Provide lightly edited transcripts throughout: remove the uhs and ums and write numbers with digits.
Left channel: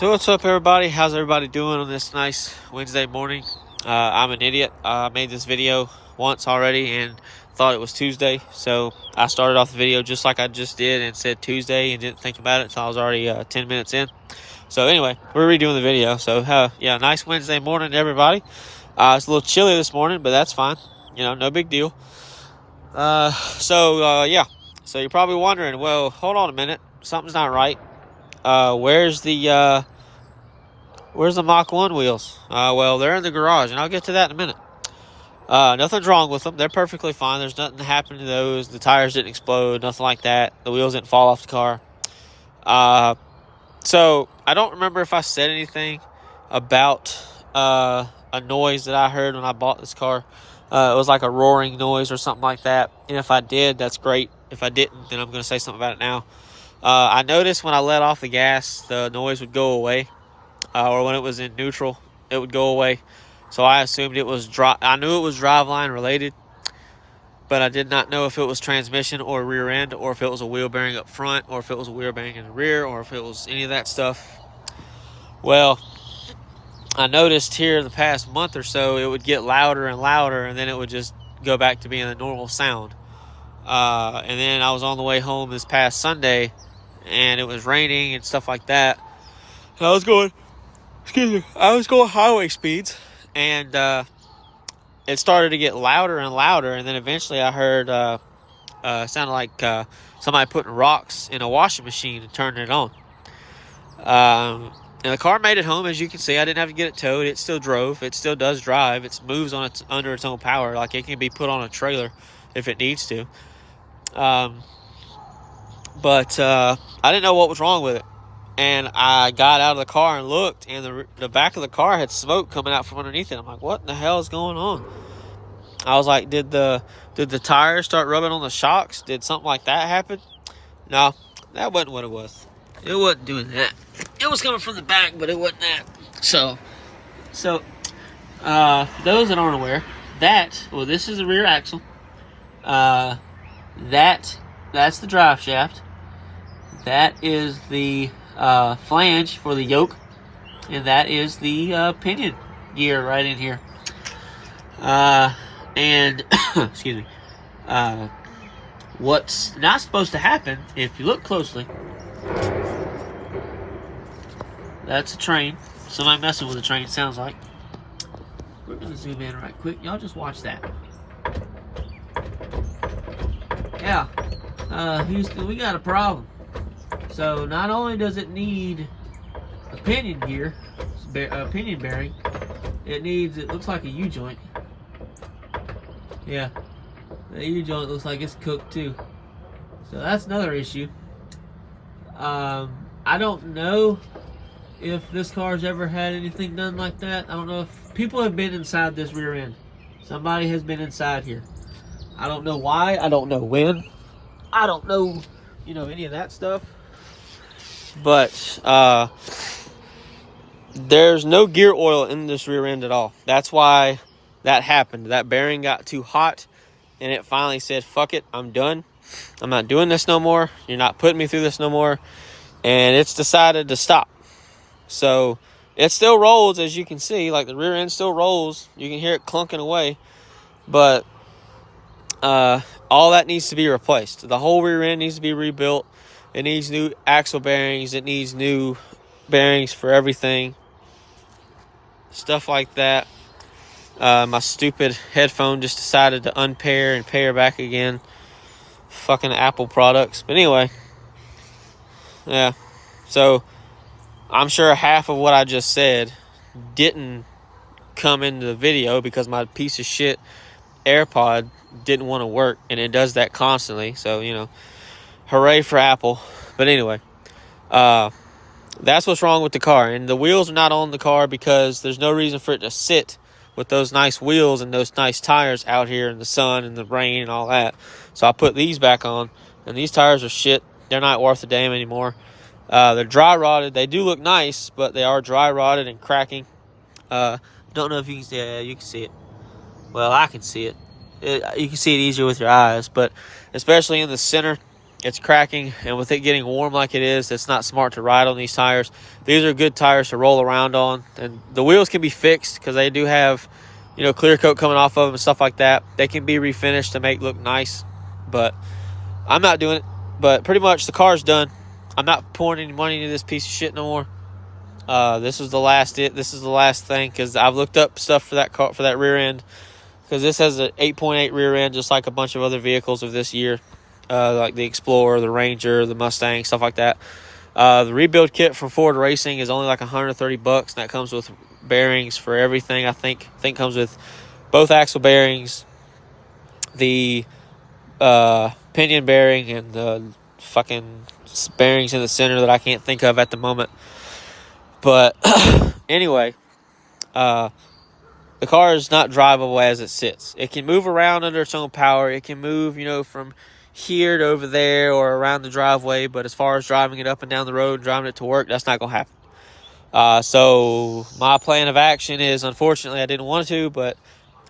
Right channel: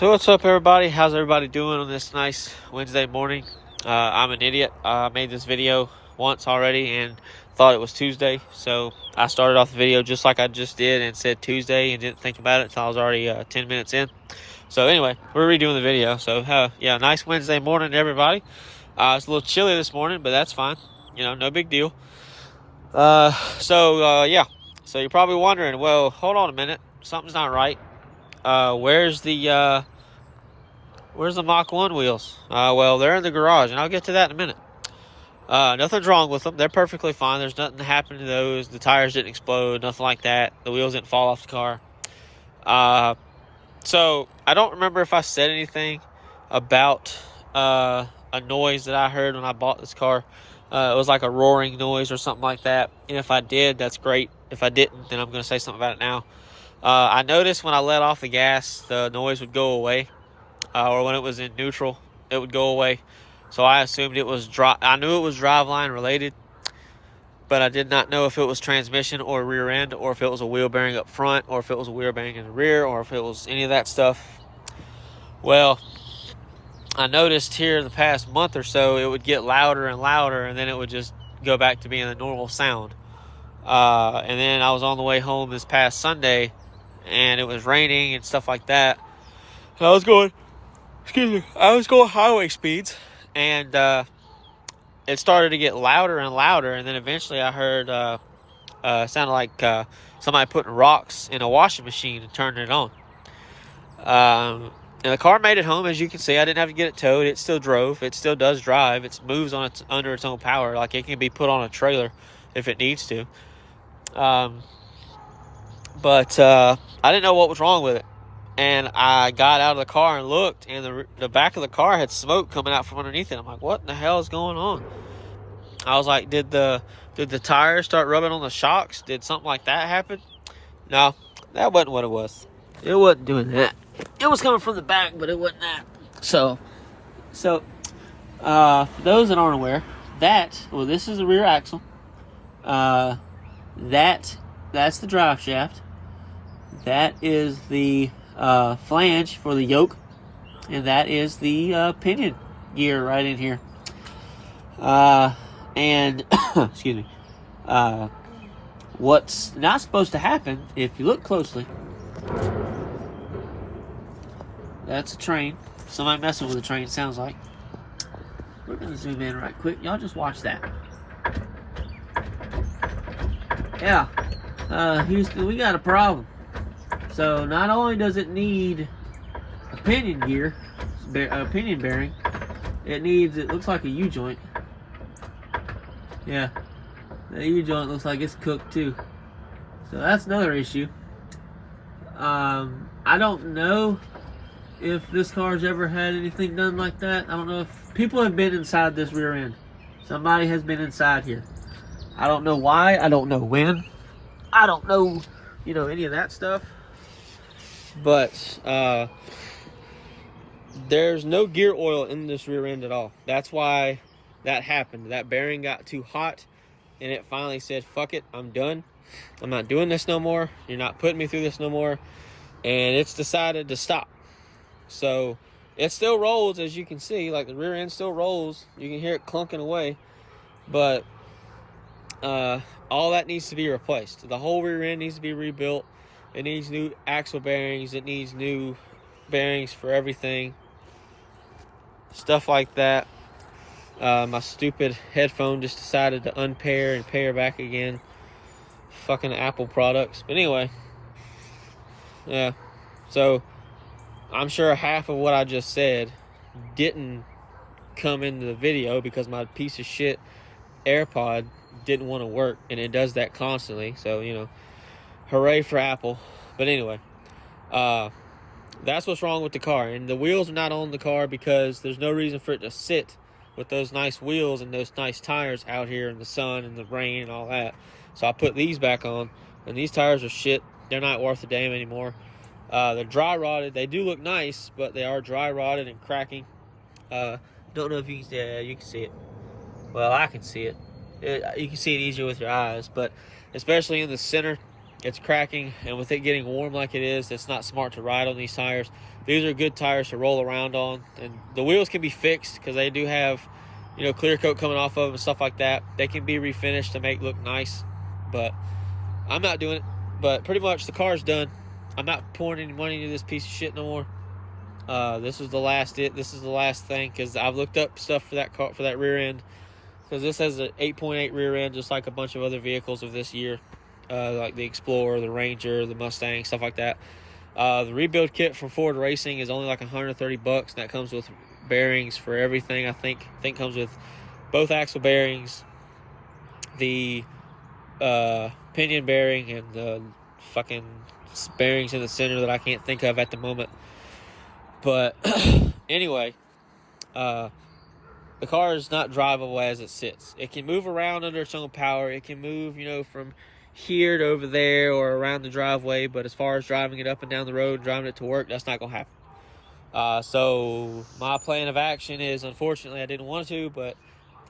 So what's up, everybody? How's everybody doing on this nice Wednesday morning? I'm an idiot. I made this video once already and thought it was Tuesday. So I started off the video just like I just did and said Tuesday and didn't think about it until I was already 10 minutes in. So anyway, we're redoing the video. So yeah, nice Wednesday morning, everybody. It's a little chilly this morning, but that's fine. You know, no big deal. Yeah. So you're probably wondering, well, hold on a minute. Something's not right. Where's the Mach 1 wheels? Well, they're in the garage, and I'll get to that in a minute. Nothing's wrong with them. They're perfectly fine. There's nothing happened to those. The tires didn't explode, nothing like that. The wheels didn't fall off the car. So I don't remember if I said anything about a noise that I heard when I bought this car. It was like a roaring noise or something like that. And if I did, that's great. If I didn't, then I'm going to say something about it now. I noticed when I let off the gas, the noise would go away. Or when it was in neutral, it would go away. So I assumed it was I knew it was driveline related, but I did not know if it was transmission or rear end, or if it was a wheel bearing up front, or if it was a wheel bearing in the rear, or if it was any of that stuff. Well, I noticed here the past month or so, it would get louder and louder, and then it would just go back to being a normal sound. And then I was on the way home this past Sunday, and it was raining and stuff like that. And I was going highway speeds, and it started to get louder and louder, and then eventually I heard it sounded like somebody putting rocks in a washing machine and turning it on. And the car made it home, as you can see. I didn't have to get it towed. It still drove. It still does drive. It moves under its own power. Like, it can be put on a trailer if it needs to. But I didn't know what was wrong with it. And I got out of the car and looked, and the back of the car had smoke coming out from underneath it. I'm like, what in the hell is going on? I was like, did the tires start rubbing on the shocks? Did something like that happen? No, that wasn't what it was. It wasn't doing that. It was coming from the back, but it wasn't that. So for those that aren't aware, this is the rear axle. That's the drive shaft. That is the flange for the yoke, and that is the pinion gear right in here. And excuse me. What's not supposed to happen, if you look closely, that's a train. Somebody messing with a train, sounds like. We're gonna zoom in right quick. Y'all just watch that. Yeah, Houston, we got a problem. So not only does it need a pinion gear, a pinion bearing, it looks like a U-joint. Yeah, the U-joint looks like it's cooked too. So that's another issue. I don't know if this car's ever had anything done like that. I don't know if people have been inside this rear end. Somebody has been inside here. I don't know why. I don't know when. I don't know, any of that stuff. But there's no gear oil in this rear end at all. That's why that happened. That bearing got too hot, and it finally said, fuck it, I'm done. I'm not doing this no more. You're not putting me through this no more. And it's decided to stop. So it still rolls, as you can see. Like, the rear end still rolls. You can hear it clunking away. But all that needs to be replaced. The whole rear end needs to be rebuilt. It needs new axle bearings. It needs new bearings for everything. Stuff like that. My stupid headphone just decided to unpair and pair back again. Fucking Apple products. But anyway. Yeah. So I'm sure half of what I just said didn't come into the video because my piece of shit AirPod didn't want to work, and it does that constantly. So, hooray for Apple. But anyway, that's what's wrong with the car. And the wheels are not on the car because there's no reason for it to sit with those nice wheels and those nice tires out here in the sun and the rain and all that. So I put these back on, and these tires are shit. They're not worth a damn anymore. They're dry rotted. They do look nice, but they are dry rotted and cracking. Don't know if you can see it. You can see it. Well, I can see it. You can see it easier with your eyes, but especially in the center, it's cracking, and with it getting warm like it is, it's not smart to ride on these tires. These are good tires to roll around on, and the wheels can be fixed because they do have, you know, clear coat coming off of them and stuff like that. They can be refinished to make look nice, but I'm not doing it. But pretty much the car's done. I'm not pouring any money into this piece of shit no more. This is the last thing, because I've looked up stuff for that car, for that rear end, because this has an 8.8 rear end, just like a bunch of other vehicles of this year, like the Explorer, the Ranger, the Mustang, stuff like that. The rebuild kit from Ford Racing is only like $130, and that comes with bearings for everything. I think comes with both axle bearings, the pinion bearing, and the fucking bearings in the center that I can't think of at the moment. But anyway, the car is not drivable as it sits. It can move around under its own power. It can move, you know, from here to over there or around the driveway. But as far as driving it up and down the road, driving it to work, that's not going to happen. So my plan of action is, unfortunately, I didn't want to, but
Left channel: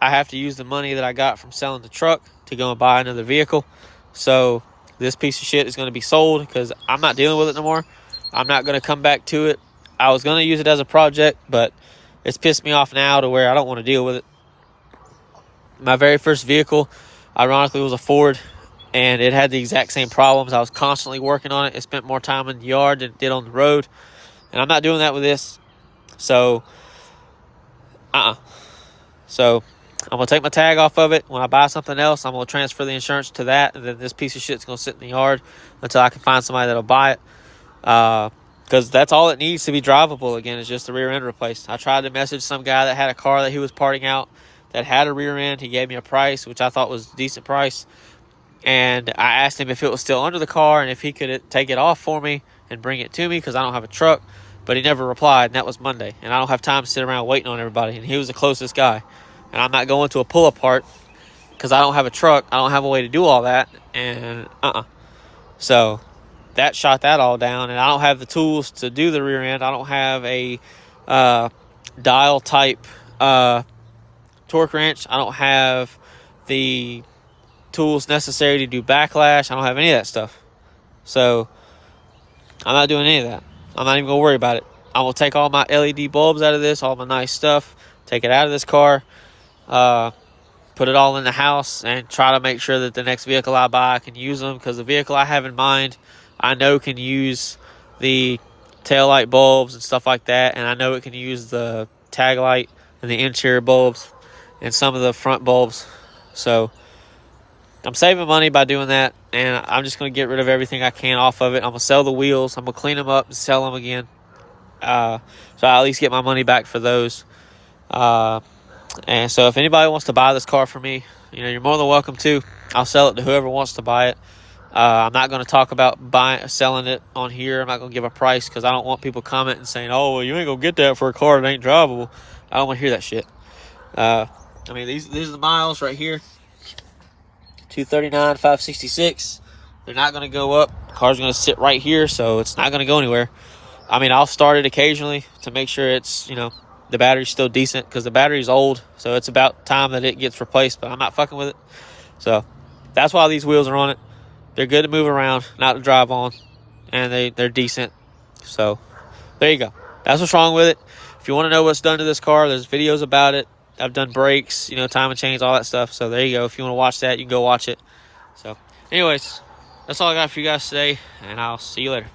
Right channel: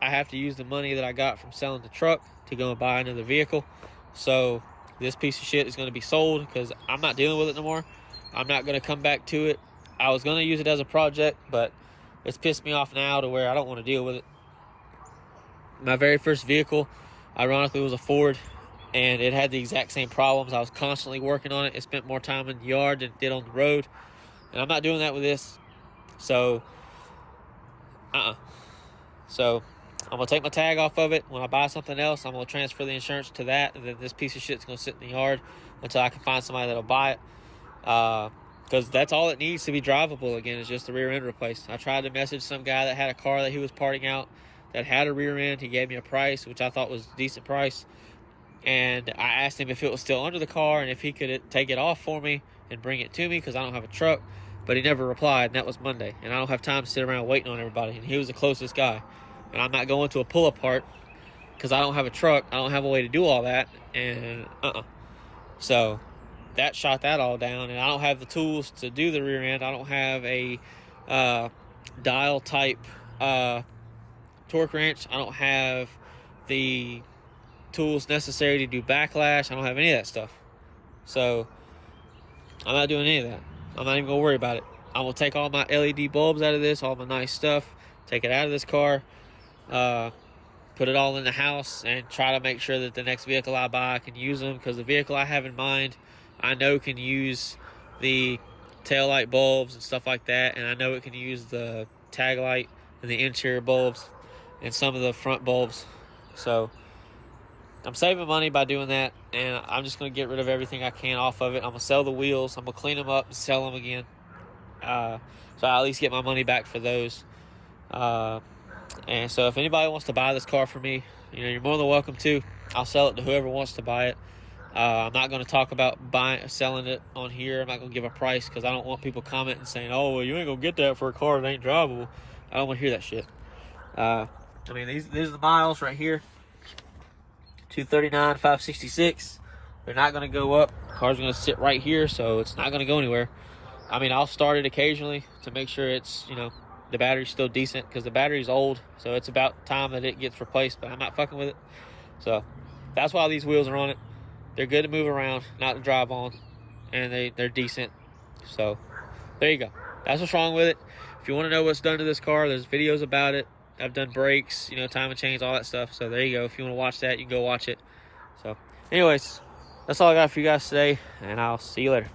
I have to use the money that I got from selling the truck to go and buy another vehicle. So this piece of shit is going to be sold because I'm not dealing with it no more. I'm not going to come back to it. I was going to use it as a project, but it's pissed me off now to where I don't want to deal with it. My very first vehicle, ironically, was a Ford, and it had the exact same problems. I was constantly working on it. It spent more time in the yard than it did on the road, and I'm not doing that with this. So, So, I'm going to take my tag off of it. When I buy something else, I'm going to transfer the insurance to that, and then this piece of shit's going to sit in the yard until I can find somebody that'll buy it. Because that's all it needs to be drivable again, is just the rear end replaced. I tried to message some guy that had a car that he was parting out that had a rear end. He gave me a price, which I thought was a decent price. And I asked him if it was still under the car and if he could take it off for me and bring it to me, because I don't have a truck. But he never replied, and that was Monday. And I don't have time to sit around waiting on everybody. And he was the closest guy. And I'm not going to a pull-apart because I don't have a truck. I don't have a way to do all that. And So that shot that all down, and I don't have the tools to do the rear end. I don't have a dial type torque wrench. I don't have the tools necessary to do backlash. I don't have any of that stuff. So I'm not doing any of that. I'm not even gonna worry about it. I'm gonna take all my LED bulbs out of this, all my nice stuff, take it out of this car, put it all in the house, and try to make sure that the next vehicle I buy, I can use them, because the vehicle I have in mind, I know can use the taillight bulbs and stuff like that, and I know it can use the tag light and the interior bulbs and some of the front bulbs. So I'm saving money by doing that, and I'm just going to get rid of everything I can off of it. I'm going to sell the wheels. I'm going to clean them up and sell them again, so I at least get my money back for those. And so if anybody wants to buy this car for me, you know, you're more than welcome to. I'll sell it to whoever wants to buy it. I'm not going to talk about selling it on here. I'm not going to give a price, because I don't want people commenting saying, oh, well, you ain't going to get that for a car that ain't drivable. I don't want to hear that shit. I mean, these are the miles right here. 239, 566. They're not going to go up. The car's going to sit right here, so it's not going to go anywhere. I mean, I'll start it occasionally to make sure it's, you know, the battery's still decent, because the battery's old, so it's about time that it gets replaced, but I'm not fucking with it. So that's why these wheels are on it. They're good to move around, not to drive on, and they're decent. So there you go. That's what's wrong with it. If you want to know what's done to this car, there's videos about it. I've done brakes, you know, time and chains, all that stuff. So there you go. If you want to watch that, you can go watch it. So anyways, that's all I got for you guys today, and I'll see you later.